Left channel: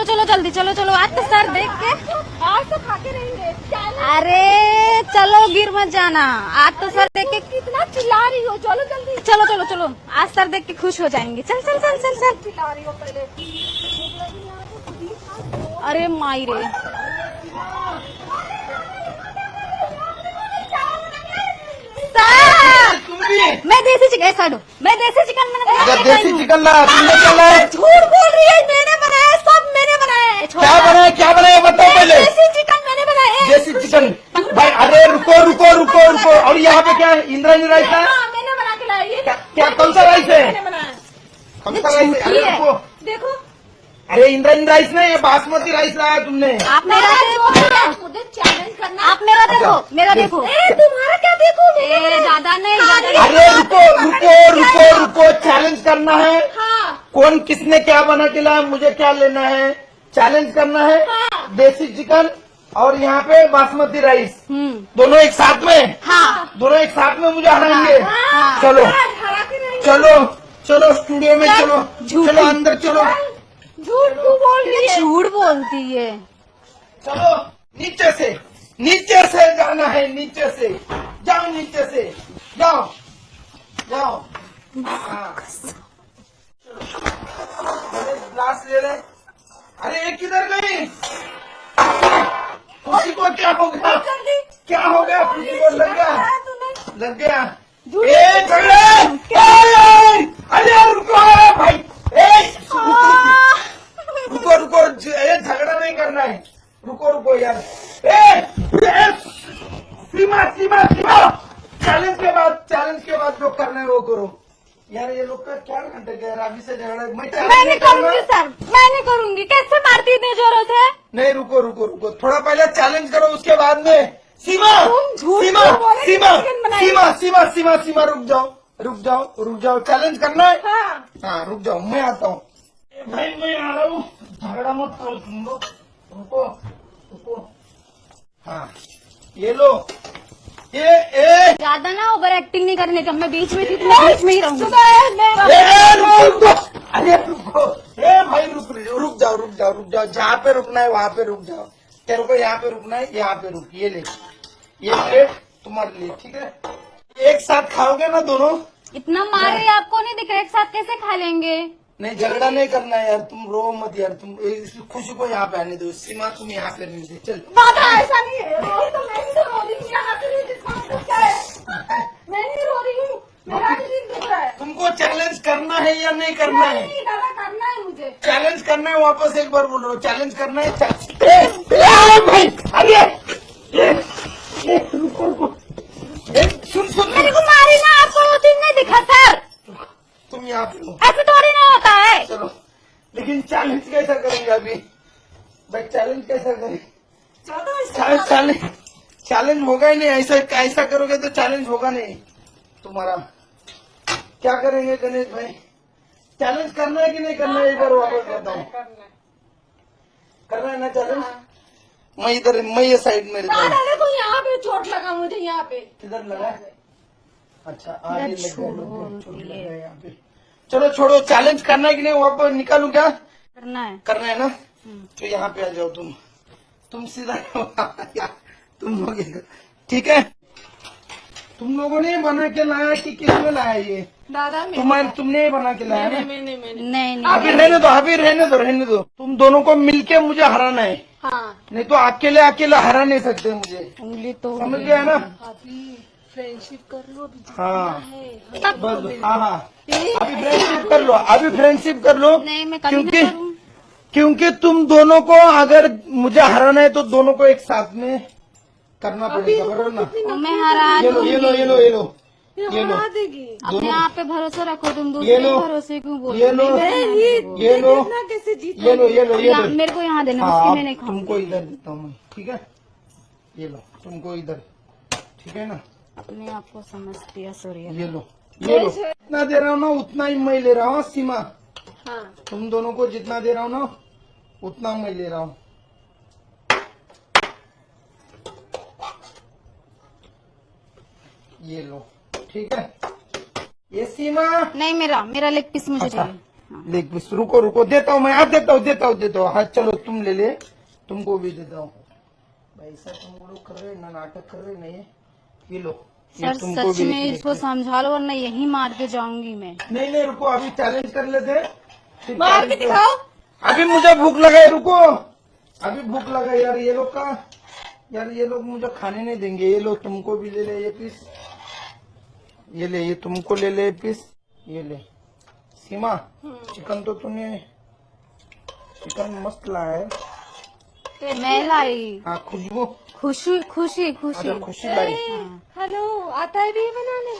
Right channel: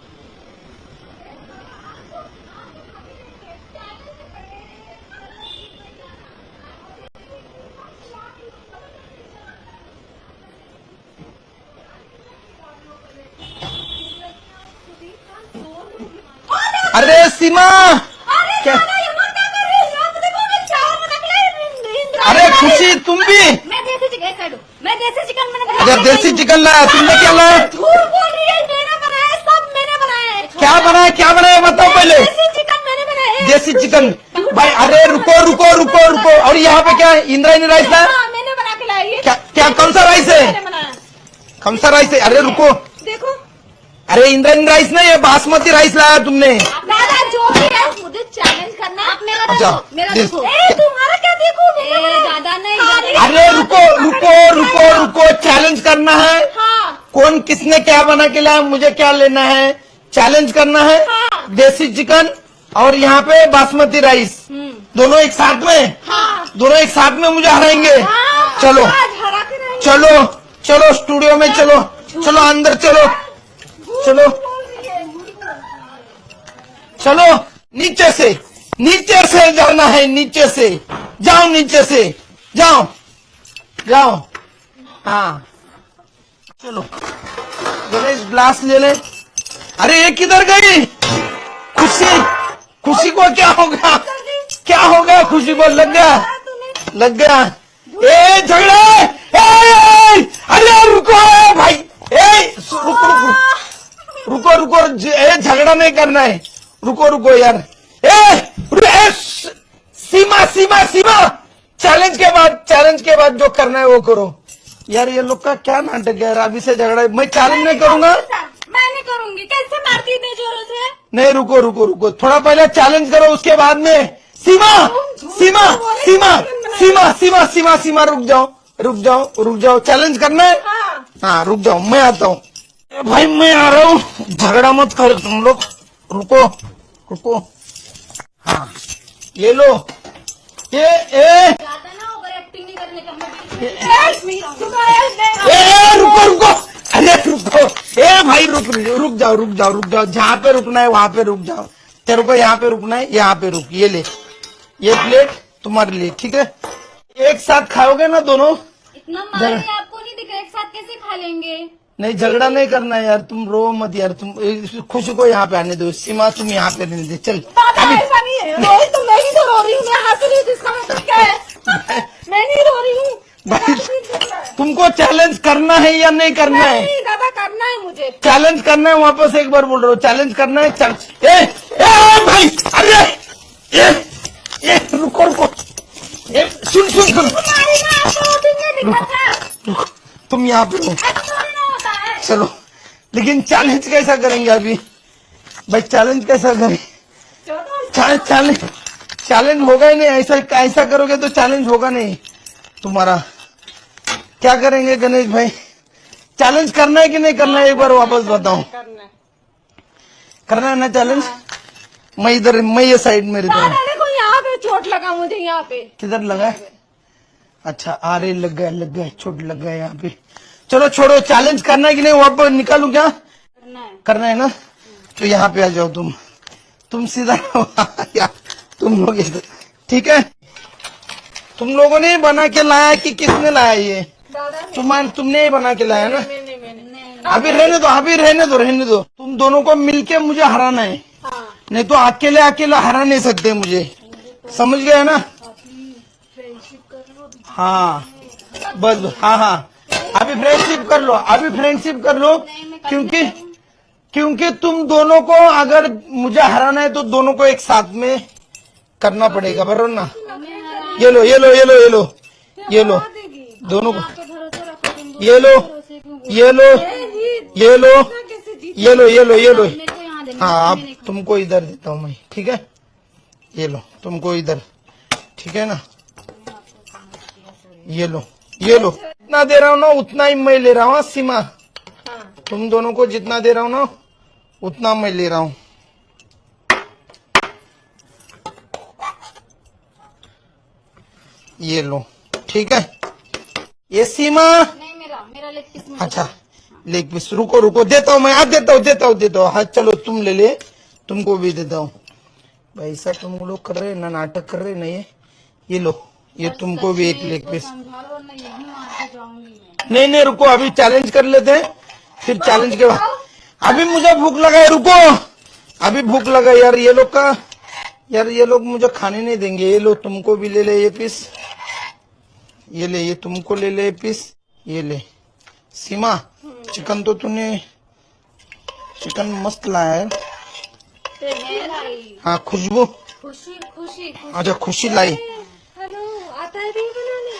चलो चलो जल्दी, चलो चलो। आज तो सर देख के आज तो खा के रहेंगे। अरे चलो, गिर मत जाना। आज तो सर देख के कितना चिल्ला रही हो, चलो जल्दी। चलो चलो चलो, आज सर देख के खुश हो जाएंगे। चल चल चल चल चल। चिल्ला रही हो पहले। अरे माई रे, अरे सीमा, क्या? अरे खुशी, तुम भी? मैं देसी चिकन खाऊं, मैं देसी चिकन मैंने अगर बनाया। देसी चिकन लाया, तुमने क्या लाया? झूठ बोल रही है, मैंने बनाया, सब मैंने बनाया है। क्या बनाया, क्या बनाया बताओ पहले। देसी चिकन मैंने बनाया है। देसी चिकन। अरे रुको रुको रुको रुको, और यहाँ पे क्या है? इंद्रायणी राइस है? हाँ, मैंने बना के लाई है। क्या क्या, कौन सा राइस है? मैंने बनाया। कौन सा राइस है? अरे रुको, देखो, अरे इंद्रायणी राइस नहीं, ये बासमती राइस लाया तुमने। आप मेरा देखो, मुझे चैलेंज करना। आप मेरा देखो, अच्छा। मेरा देखो। तुम्हारा क्या देखो? ए दादा नहीं, दादा नहीं। अरे रुको रुको रुको रुको, चैलेंज करना है। हाँ, कौन किसने क्या बना के लाया, मुझे क्या लेना है? चैलेंज करना है। देसी चिकन और यहाँ पे बासमती राइस, दोनों एक साथ में। हाँ। दोनों एक साथ में मुझे हराएंगे। चलो हरा के नहीं। चलो चलो, स्टूडियो में चलो, चलो अंदर चलो, चलो बोल रही है। झूठ बोलती है। चलो। नीचे से, नीचे से जाना है, नीचे से जाओ, नीचे से जाओ, जाओ। हाँ चलो, गणेश ग्लास ले ले। अरे ये किधर गई? खुशी, खुशी को क्या होगा? क्या होगा? खुशी को लग गया, लग गया। ए झगड़े, अरे रुको भाई, रुको रुको, ए झगड़ा नहीं करना है, रुको रुको यार। ए सीमा सीमा सीमा, चैलेंज के बाद जो करना है वो करो यार। ये लोग का क्या नाटक है यार, अभी से झगड़ा है। मैं चैलेंज नहीं करूंगा। मैं नहीं करूंगी। कैसे मारती इतनी जोरों से? नहीं रुको रुको रुको, थोड़ा पहले चैलेंज करो, उसके बाद में। सीमा सीमा सीमा सीमा सीमा सीमा सीमा, रुक जाओ रुक जाओ रुक जाओ, चैलेंज करना है। हाँ। हाँ रुक जाओ, मैं आता हूँ। भाई मैं आ रहा हूँ, झगड़ा मत करो तुम लोग, रुको रुको। हाँ ये लो, ये ज्यादा ना ओवर एक्टिंग नहीं करने का, मैं बीच में ही रहूंगी। रुको रुको, अरे रुको, भाई रुक जाओ रुक जाओ रुक जाओ, जहाँ पे रुकना है वहाँ पे रुक जाओ। तेरे को यहाँ पे रुकना है, यहाँ पे रुक। ये ले, ये प्लेट तुम्हारे लिए, ठीक है? एक साथ खाओगे ना दोनों? इतना मारे आपको नहीं दिख रहा, एक साथ कैसे खा लेंगे? नहीं झगड़ा नहीं करना है यार, तुम रो मत यार। तुम खुशी को यहाँ पे आने दो, सीमा तुम यहाँ पे रहने दे। चल दादा ऐसा नहीं है, रोही तो मैं ही तो रो रही हूँ। मैं हंस रही हूँ, जिसका मतलब क्या है? मैं नहीं रो रही हूँ। भाई, दादा तुमको चैलेंज करना है या नहीं करना है? करना है मुझे। चैलेंज करना है, वापस एक बार बोल रहा हूँ, चैलेंज करना है। भाई अरे रुको रुको, सुन सुन सुन, तुम्हारी ना आपको मुझे नहीं दिखा था। तुम यहाँ पे हो, ऐसा थोड़ी ना होता है। चलो। लेकिन चैलेंज कैसा करेंगे अभी भाई? चैलेंज कैसा करें? चैलेंज होगा ही नहीं। ऐसा करोगे तो चैलेंज होगा नहीं तुम्हारा। क्या करेंगे गणेश भाई? चैलेंज करना है कि नहीं करना है, एक बार वापस बताओ। करना है ना चैलेंज? मैं इधर, मैं ये साइड में रहता हूँ। देखो यहाँ पे चोट लगा मुझे, यहाँ पे। किधर लगा है? अच्छा आरे लग गया, चोट लग गया यहाँ पे। चलो छोड़ो, चैलेंज करना है कि नहीं? वापस निकालू क्या? करना है ना? तो यहाँ पे आ जाओ तुम सीधा यार, तुम लोग इधर, ठीक है? तुम लोगों ने बना के लाया कि किसने लाया ये? दादा तुमने ही बना के लाया ना? नहीं अभी रहने दो। तुम दोनों को मिलके मुझे हराना है। नहीं तो अकेले हरा नहीं सकते मुझे, समझ गए ना? फ्रेंडशिप कर लो। हाँ बस, हाँ अभी फ्रेंडशिप कर लो, नहीं, मैं कभी नहीं करूँ। क्योंकि तुम दोनों को अगर मुझे हराना है तो दोनों को एक साथ में करना पड़ेगा, बराबर ना? मैं हरा ये लो दोनों यहाँ पे भरोसा रखो तुम दो। ये लो, भरोसे क्यों बोल? ये लो मेरे को यहाँ देना, हाँ मैं नहीं अब तुमको इधर देता हूँ मैं, ठीक है? ये लो तुमको इधर, ठीक है ना? खाऊंगी। मैं आपको समझती है, सॉरी। ये लो जितना दे रहा हूँ ना उतना ही मैं ले रहा हूँ। सीमा, हाँ। तुम दोनों को जितना दे रहा हूँ ना उतना मैं ले रहा हूँ। ये लो, ठीक है? ये सीमा, नहीं, मेरा लेग पीस मुझे अच्छा चाहिए। Leg piece. रुको रुको, देता हूँ मैं, आप देता हूँ। हाँ चलो तुम ले ले, तुमको भी देता हूँ। भाई साहब तुम लोग कर रहे हैं ना, नाटक कर रहे हैं ना, ये लो, ये सर, तुमको सच भी में एक लेग इसको पीस। समझा लो वरना यही मार के जाऊंगी मैं। नहीं रुको, अभी चैलेंज कर लेते हैं, फिर चैलेंज के बाद। अभी मुझे भूख लगा है, रुको, अभी भूख लगा यार। ये लोग का यार, ये लोग मुझे खाने नहीं देंगे। ये लो, तुमको भी ले ले ये पीस, ये ले, ये तुमको ले ले पीस, ये ले। सीमा, चिकन तो तूने, चिकन मस्त लाया है। मैं लाई। हाँ खुशबू, खुशी खुशी खुशी। अच्छा खुशी लाई। हेलो, आता है भी बनाने?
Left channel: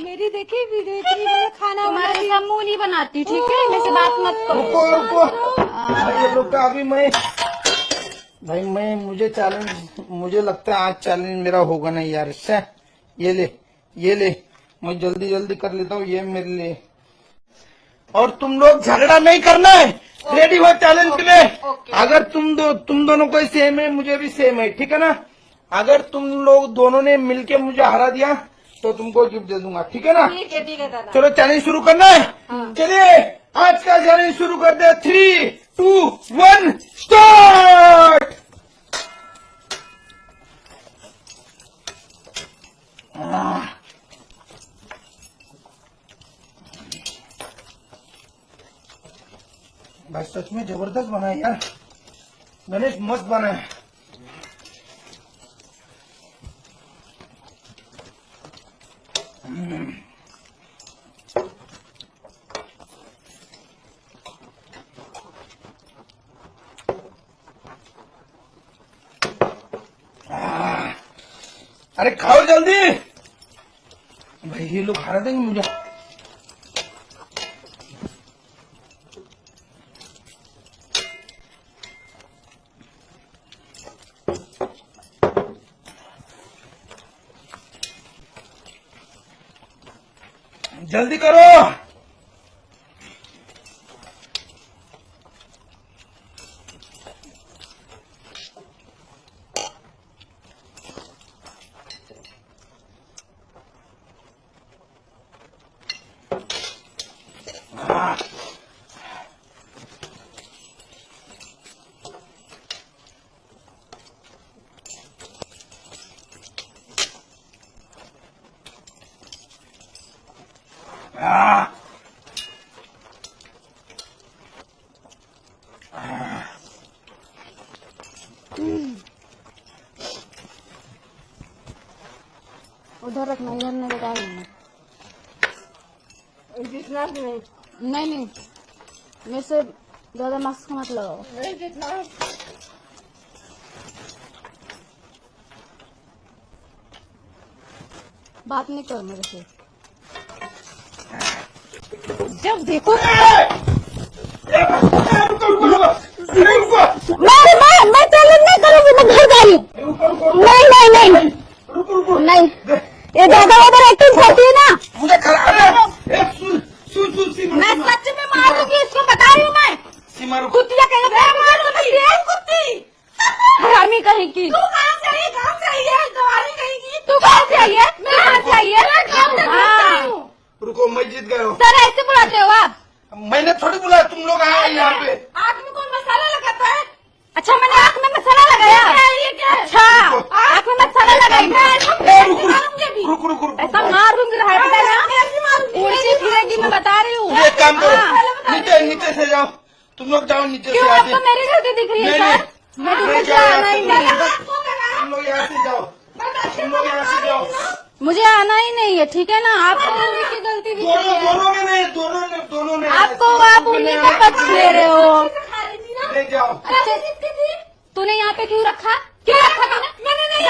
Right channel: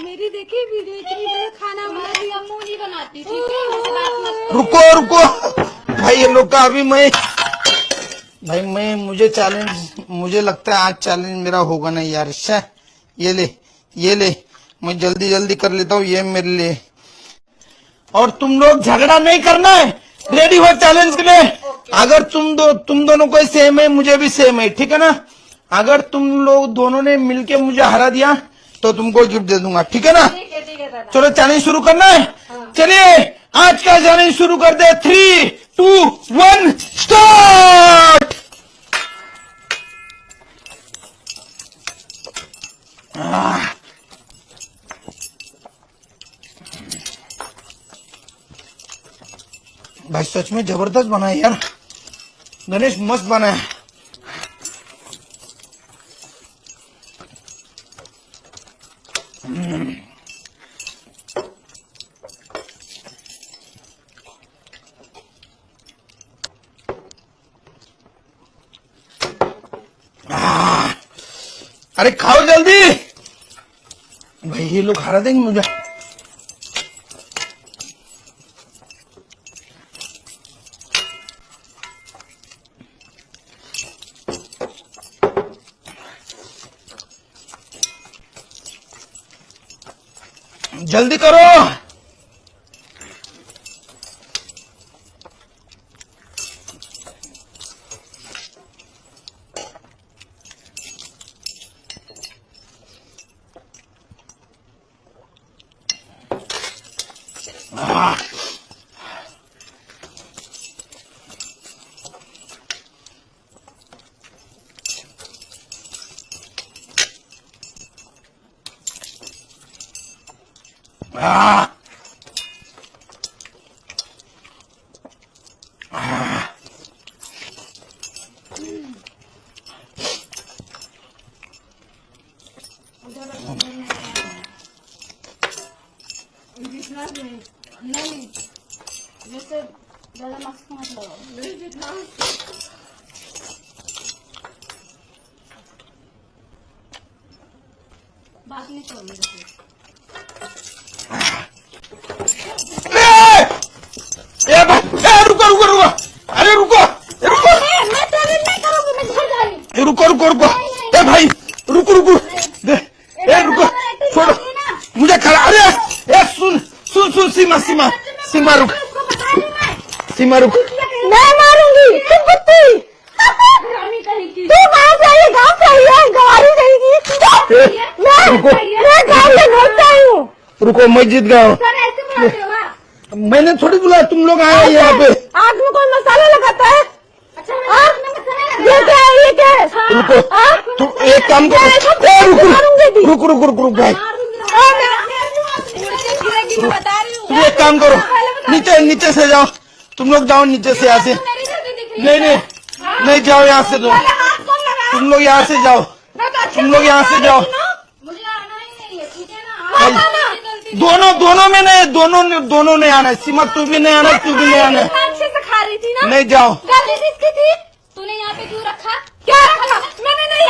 मेरी देखी वीडियो, इतनी बड़ा खाना तुम्हारे समूह नहीं बनाती, ठीक है, मेरे से बात मत करो। रुको रुको भाई, ये लोग का अभी मैं मुझे चैलेंज, मुझे लगता है आज चैलेंज मेरा होगा नहीं यार। अच्छा ये ले, मैं जल्दी कर लेता हूँ ये मेरे लिए। और तुम लोग झगड़ा नहीं करना है, रेडी हो चैलेंज के लिए। अगर तुम दोनों को सेम है, मुझे भी सेम है, ठीक है ना। अगर तुम लोग दोनों ने मिलके मुझे हरा दिया तो तुमको गिफ्ट दे दूंगा, ठीक है ना। चलो चैलेंज शुरू करना है। चलिए आज का चैलेंज शुरू कर दे। 3, 2, 1 स्टार्ट। भाई सच में जबरदस्त बना है यार, गणेश मस्त बना है। अरे खाओ जल्दी भाई, ये लोग हरा देंगे मुझे। जल्दी करो। उधर रखना, इधर मेरे पास नहीं, मैं से ज्यादा मास्क मत लगाओ। नहीं जितना बात नहीं करो मेरे से। जब देखो रुको, अरे रुको, मैं चैलेंज नहीं करूंगी, मैं घर जा रही हूँ। रुको नहीं। भाई, रुको नहीं, ये दादा उधर एक्टिंग करती है ना। मुझे खड़ा, अरे सुन सीमा रुक, इसको बता रही हूँ मैं। सीमा रुक। मैं मारूंगी कुत्ती। हरामी कहेगी। तू कहाँ से आई? गाँव से आई है, गवारी रहेगी। तू कहाँ से आई है? मैं गाँव से घर से आई हूँ। रुको, मैं जीत गया हूँ। सर ऐसे बुलाते हो आप? मैंने थोड़ी बुलाया, तुम लोग आए हैं यहाँ पे। आग में कोई मसाला लगाता है? अच्छा मैं नाक में मसाला लगाया। ये क्या है? रुको, तुम एक काम करो, रुक भाई, मारूंगी, मैं बता रही हूँ। तुम एक काम करो, नीचे से जाओ, तुम लोग जाओ नीचे से, यहाँ से। मेरे घर के दिख रही है। नहीं जाओ यहाँ से, तुम लोग यहाँ से जाओ, मुझे आना ही नहीं है, ठीक है ना। आप दोनों में नहीं, दोनों ने आना है। सीमा तू भी नहीं आना, तू भी नहीं आना। खा रही थी ना, नहीं जाओ। तूने यहाँ पे क्यों रखा? क्या रखा? मैंने नहीं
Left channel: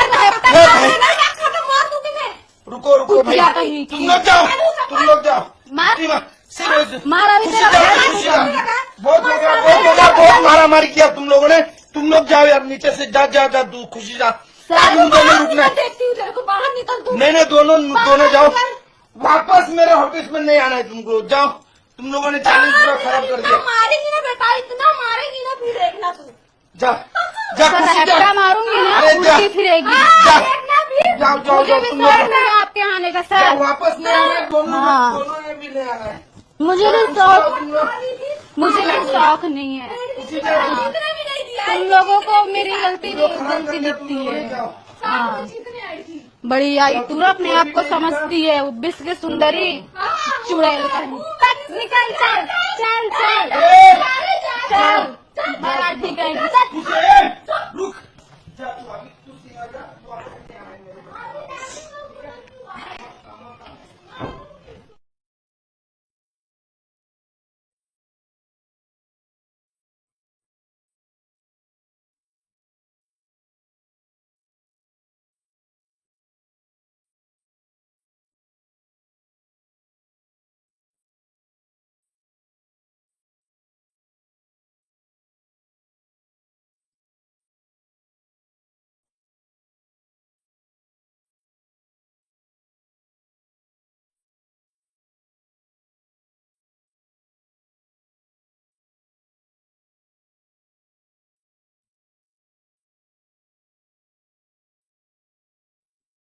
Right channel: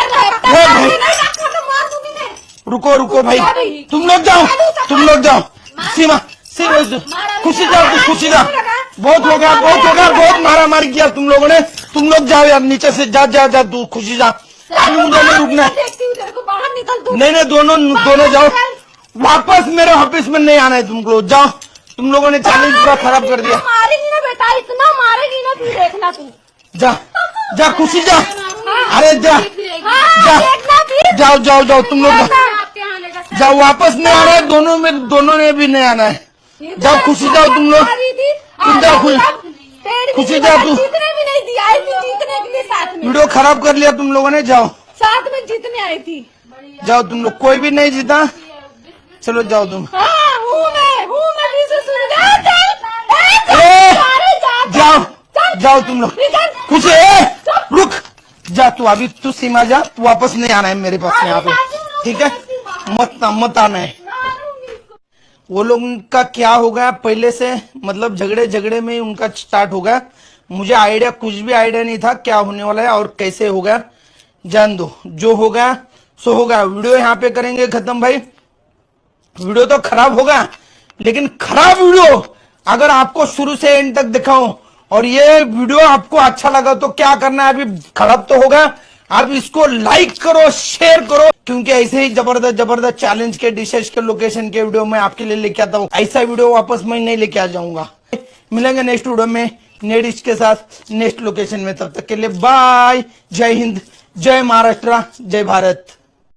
रुको भाई, तुम लोग जाओ। सीमा खुशी जाओ। बहुत होगा, बहुत मारा किया तुम लोगों ने। तुम लोग जाओ यार नीचे से, जा तू खुशी जा। मुझे नहीं रुकना। नहीं, दोनों जाओ। वापस मेरे ऑफिस में नहीं आना है तुमको, जाओ। तुम लोगों ने चैलेंज पूरा खराब कर दिया। मारेगी ना बेटा, इतना मारेगी ना, तू देखना तू। जा खुशी जा। अरे जाओ तुम लोग आपके आने का जाओ, वापस नहीं आना है। दोनों ने भी नहीं आना है। मुझे जाओ खुशी जाओ तुम लोग, तुम जाओ खुश, शौक नहीं है। पेड़ खुशी की जाओ तुम। जीतने भी नहीं दी, आई तुम थी लोगों जीतने को भी मेरी साथ में। वीडियो खराब कर लिया तुम लोगों ने। जाओ साथ में जीतने आई थी। बड़ी जाओ तुम लोग, कोई भी नहीं जीता। चलो जाओ तुम। हाँ, हूँ मैं जिसे सुंदर। ए, जाओ जाओ तुम लोग, खुशी रुक जा, तू अभी तू सीमा जा, तू वापस नहीं आना है मेरे पास यहाँ पे, ठीक है? मत आना है। वो लोग उनका क्या हो गया पहले से, मतलब झगड़े में ही उनका स्टार्ट हो गया। मुझे आइडिया, कुछ भी आइडिया नहीं था क्या होने वाला है और कैसे हो गया। जान दो, जो हो गया सो हो गया। वीडियो यहाँ पे करेंगे खत्म भाई। वीडियो तो खराब होगा, लेकिन खराब वीडियो अगर आपको शुरू से एंड तक दिखाऊं और ये वीडियो आपको अच्छा लगा तो क्या करना है, अभी खराब तो होगा, आप इसको लाइक करो, शेयर करो, क्योंकि ऐसे ही जबरदस्त चैलेंज के, डिशेस के, लोकेशन के वीडियो मैं आपके लिए लेके आता हूँ। ऐसा वीडियो वापस मैं नहीं लेके आ जाऊंगा। मिलेंगे नेक्स्ट वीडियो में नई डिश के साथ, नेक्स्ट लोकेशन में। तब तक के लिए बाय, जय हिंद, जय महाराष्ट्र, जय भारत।